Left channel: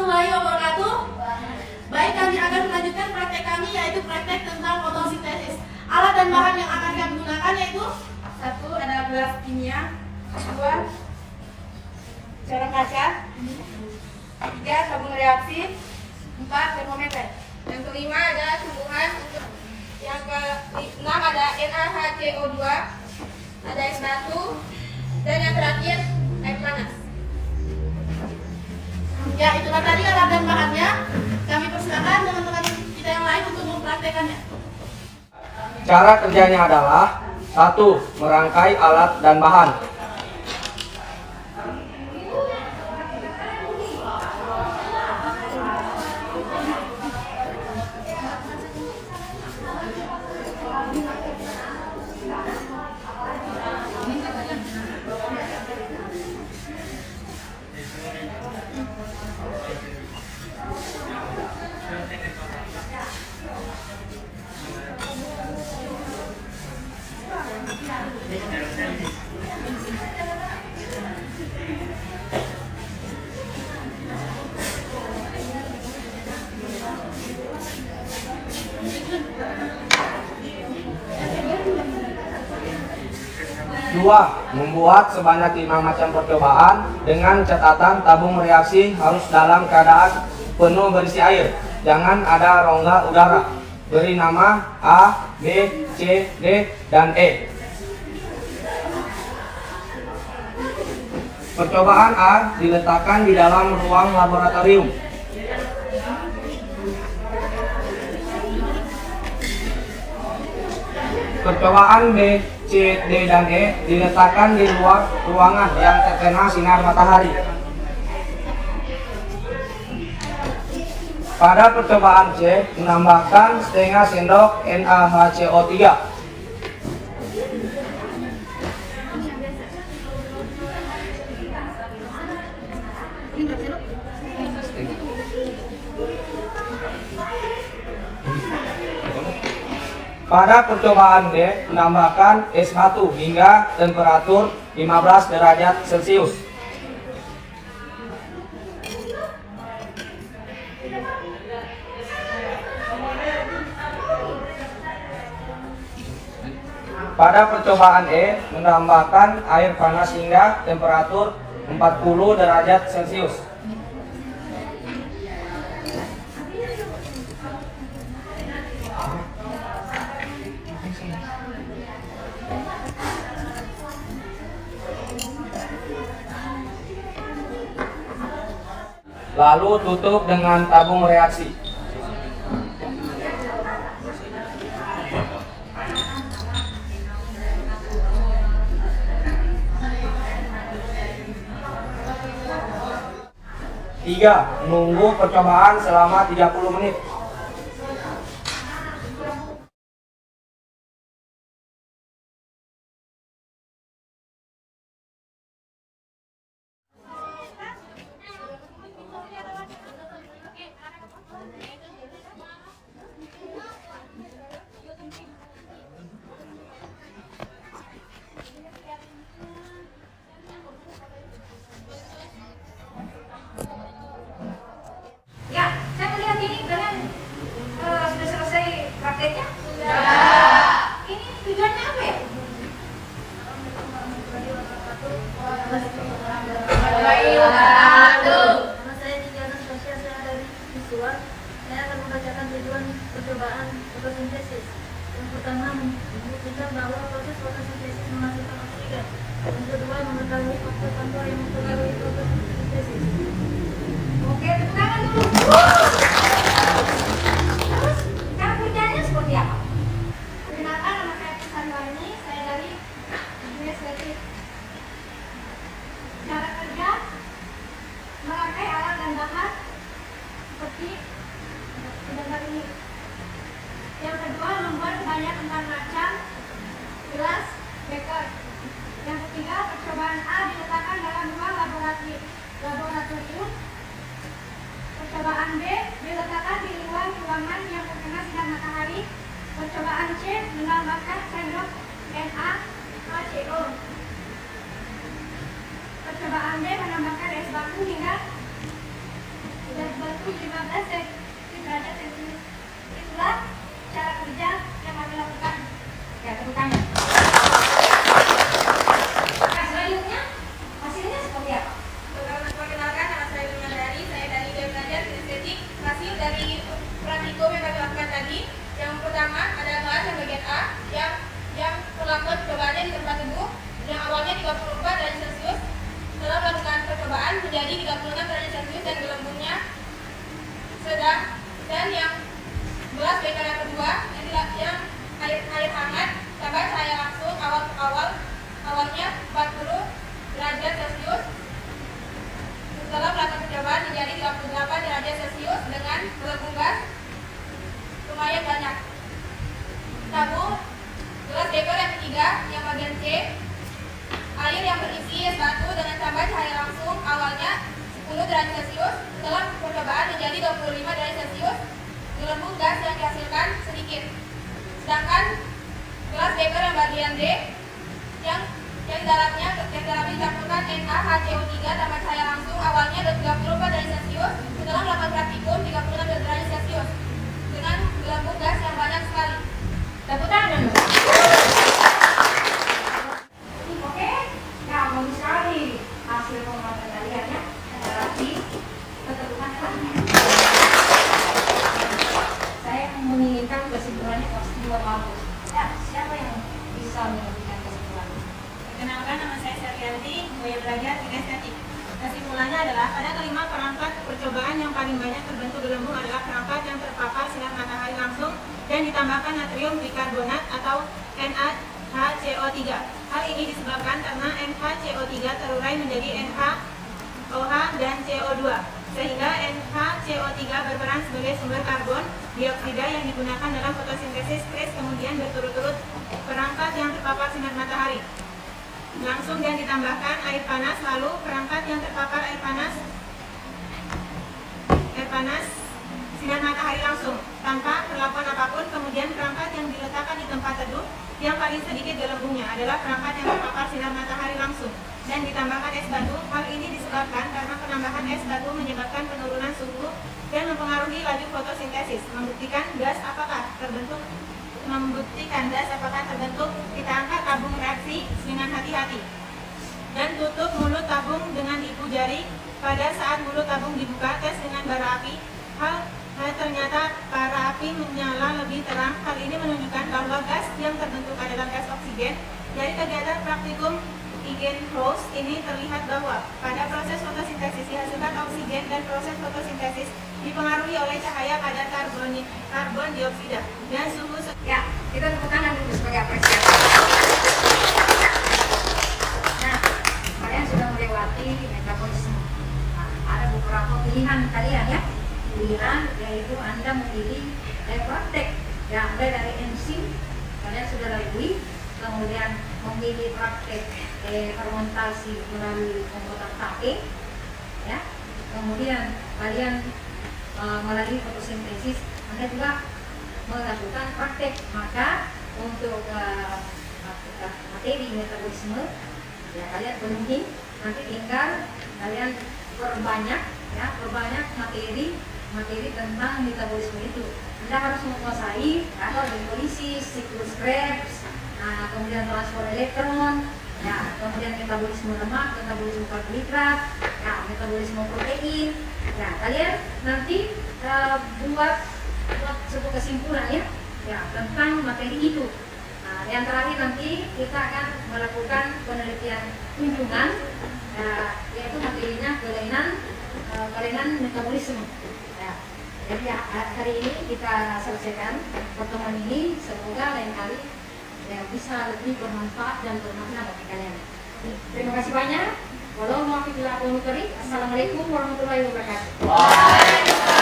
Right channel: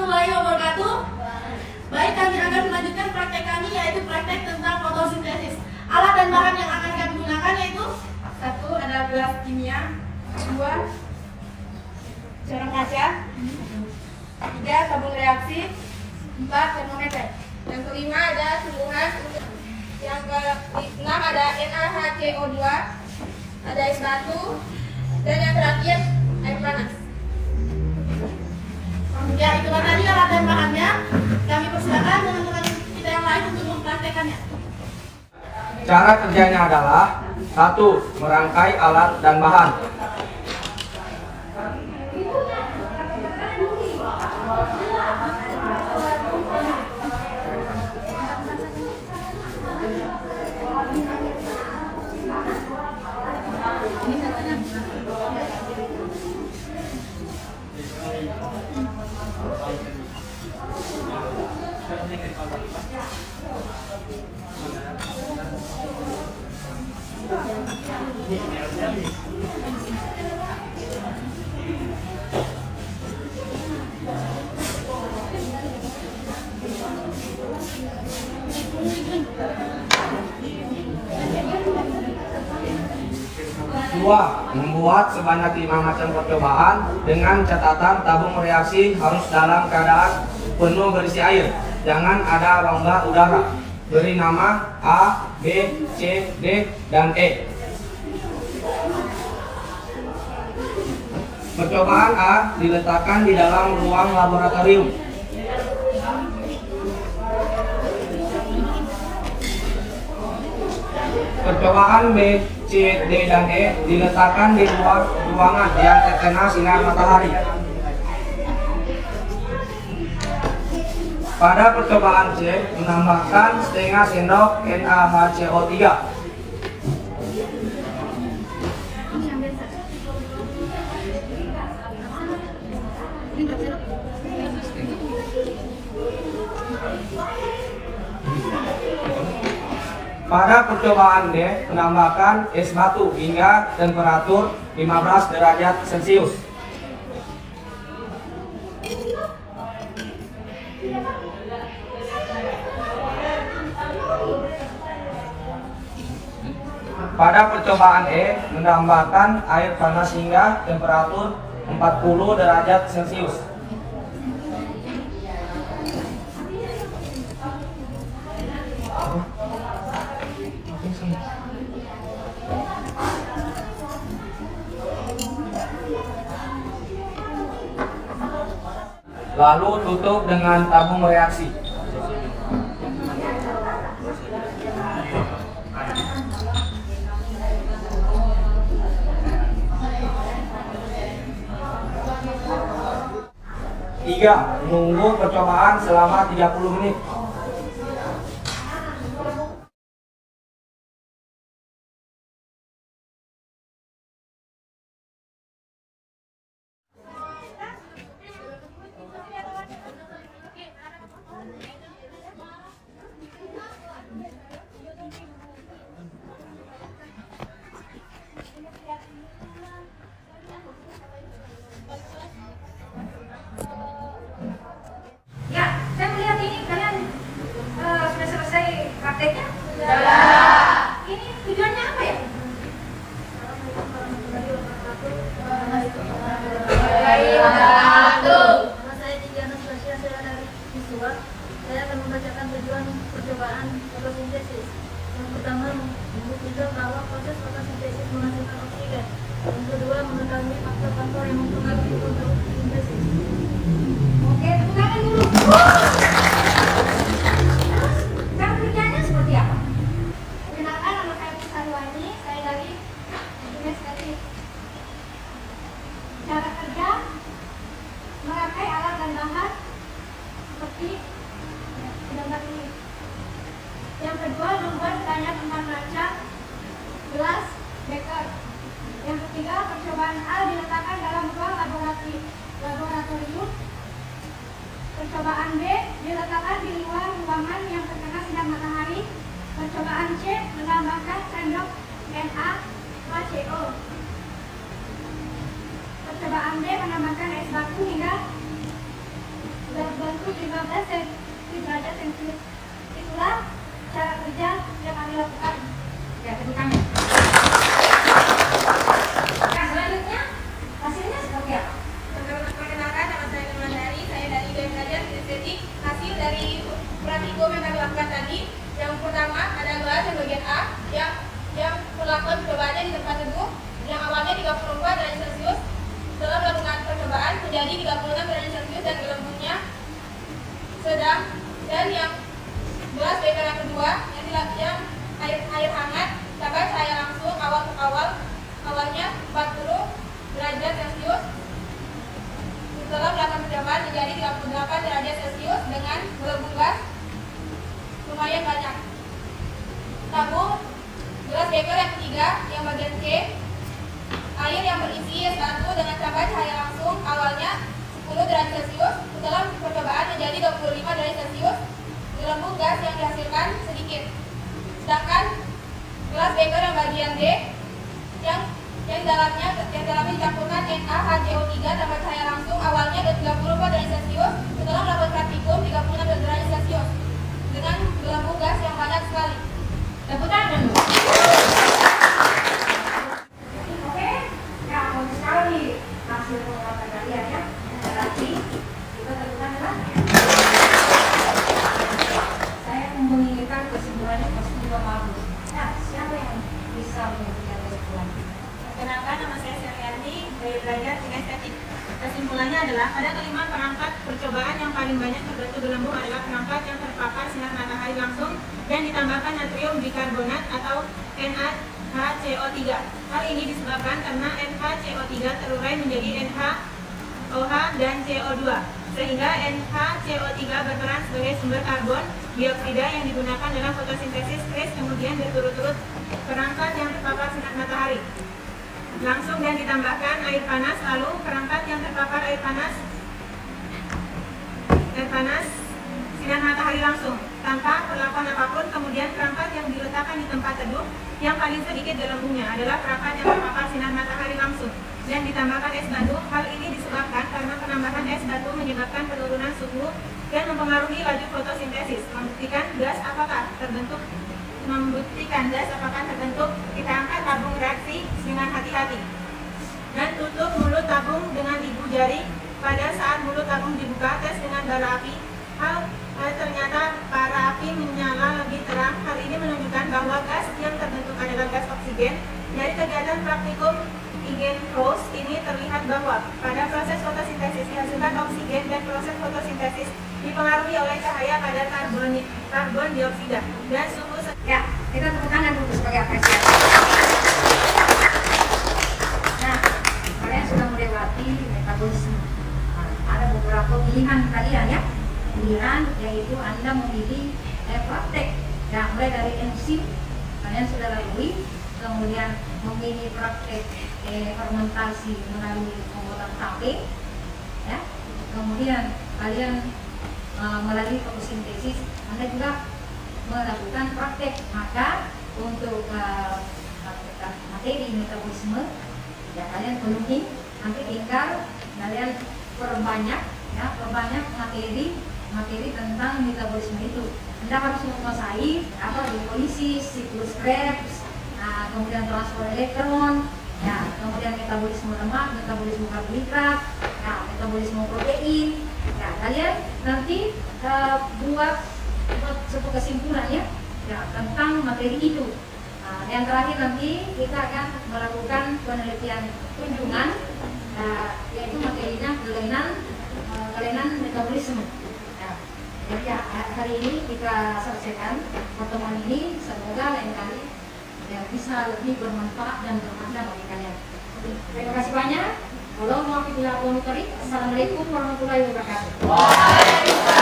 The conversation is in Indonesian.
warahmatullahi wabarakatuh. Baik, kami akan melanjutkan praktek kami, yaitu praktek tentang fotosintesis. Alat dan bahan yang akan kami gunakan yaitu: 1. Ada gelas kimia, 2. corong kaca, 3. Tabung reaksi, 4. Termometer. Yang kelima ada tumbuhan. Yang keenam ada NaHCO2, ada es batu, dan yang terakhir air panas. Ya, itulah tadi alat dan bahannya. Kami persilakan teman-teman kita yang lain untuk mempraktekannya. Cara kerjanya adalah: 1. Merangkai alat dan bahan. 2. Membuat sebanyak 5 macam percobaan dengan catatan tabung reaksi harus dalam keadaan penuh berisi air. Jangan ada rongga udara. Beri nama A, B, C, D, dan E. Percobaan A diletakkan di dalam ruang laboratorium. Percobaan B, C, D, dan E diletakkan di luar ruangan yang terkena sinar matahari. Pada percobaan C, menambahkan setengah sendok NaHCO3. Pada percobaan D, menambahkan es batu hingga temperatur 15 derajat Celcius. Pada percobaan E, menambahkan air panas hingga temperatur 40 derajat Celcius. Lalu tutup dengan tabung reaksi. Tiga, menunggu percobaan selama 30 menit. Prakteknya? Ya. Ini tujuannya apa ya? Nama saya Diana Sasya, saya dari Visual. Saya akan membacakan tujuan percobaan fotosintesis. Yang pertama, membuktikan bahwa proses fotosintesis menghasilkan oksigen. Yang kedua, mengetahui faktor-faktor yang mempengaruhi fotosintesis. Oke, tepuk tangan dulu. Cara kerja: merangkai alat dan bahan seperti gambar ini. Yang kedua, membuat banyak macam gelas beker. Yang ketiga, percobaan A diletakkan dalam ruang laboratorium. Percobaan B diletakkan di luar ruangan yang terkena sinar matahari. Percobaan C menambahkan sendok NaHCO. Percobaan D menambahkan es batu hingga cukup 15 derajat celcius. Itulah cara kerja yang kami lakukan. Ya, tepuk tangan. Nah, selanjutnya hasilnya seperti apa? Perkenalkan, nama saya Ilmandari, saya dari belajar estetik. Hasil dari praktikum yang kami lakukan tadi, yang pertama adalah yang bagian A, yang perlakuan percobaannya di tempat teduh, yang awalnya 34 derajat celcius. Setelah melakukan percobaan menjadi 36 derajat celcius dan gelembungnya sedang. Dan yang gelas beker yang kedua, yang air hangat, tambah cahaya langsung awalnya 40 derajat celcius. Setelah melakukan percobaan menjadi 38 derajat celcius dengan gelembung gas lumayan banyak. Tabung gelas beker yang ketiga, yang bagian C, air yang berisi S1 dengan tambah cahaya langsung awalnya 10 derajat celcius. Setelah percobaan menjadi 25 derajat celcius, gelembung gas yang dihasilkan sedikit. Sedangkan gelas beker yang bagian D, yang dalamnya dicampurkan NaHCO3 tambah cahaya langsung awalnya 34 derajat celcius. Setelah melakukan praktikum 36 derajat celcius dengan gelembung gas yang banyak sekali. Tepuk tangan. Oke, ya bagus sekali hasil pengamatan kalian ya. Berarti kita tentukan ya. Saya menginginkan kesimpulan yang positif banget. Ya, siapa yang bisa memberikan kesimpulan? Kenalkan, nama saya Saryanti, dari belajar estetik. Kesimpulannya adalah pada kelima perangkat percobaan yang paling banyak terbentuk gelembung adalah perangkat yang terpapar sinar matahari langsung dan ditambahkan natrium bikarbonat atau NaHCO3. Hal ini disebabkan karena NaHCO3 terurai menjadi NaOH dan CO2, sehingga NaHCO3 berperan sebagai sumber karbon dioksida yang digunakan dalam fotosintesis. Kemudian berturut-turut perangkat yang terpapar sinar matahari langsung dan ditambahkan air panas, lalu perangkat yang terpapar air panas sinar matahari langsung tanpa perlakuan apapun. Kemudian perangkat yang diletakkan di tempat teduh yang paling sedikit gelembungnya adalah perangkat yang terpapar sinar matahari langsung dan ditambahkan es batu. Hal ini disebabkan karena penambahan es batu menyebabkan penurunan suhu dan mempengaruhi laju fotosintesis. Membuktikan gas apakah terbentuk, kita angkat tabung reaksi dengan hati-hati dan tutup mulut tabung dengan ibu jari. Pada saat mulut tabung dibuka, tes dengan bara api. Ternyata bara api menyala lebih terang. Hal ini menunjukkan bahwa gas yang terbentuk adalah gas oksigen. Dari kegiatan praktikum Egan-Krause ini terlihat bahwa pada proses fotosintesis dihasilkan oksigen dan proses fotosintesis dipengaruhi oleh cahaya kadar karbon dioksida dan suhu. Ya, kita tepuk tangan dulu sebagai apresiasi. Nah, kalian sudah melewati metabolisme. Ada beberapa pilihan kalian ya. Pilihan yaitu Anda memilih praktek yang mulai dari enzim kalian sudah lalui, kemudian memilih praktek fermentasi melalui pembuatan tape ya. Kemudian kalian melalui fotosintesis, Anda juga melakukan praktek. Maka untuk materi metabolisme ya kalian penuhi, nanti tinggal kalian perbanyak materi tentang metabolisme itu. Anda harus menguasai atau hidrolisis, siklus Krebs, kemudian transfer elektron, ya, kemudian metabolisme lemak, metabolisme karbohidrat, ya, metabolisme protein. Nah, kalian nanti buat satu kesimpulan ya tentang materi itu. Nah, yang terakhir nanti kita akan melakukan penelitian kunjungan, yaitu materinya kelainan metabolisme. Ya, jadi ya, hari ini kita selesaikan pertemuan ini. Semoga lain kali ya, bisa lebih bermanfaat dan bermakna bagi kalian. Terima kasih banyak. Assalamualaikum warahmatullahi wabarakatuh.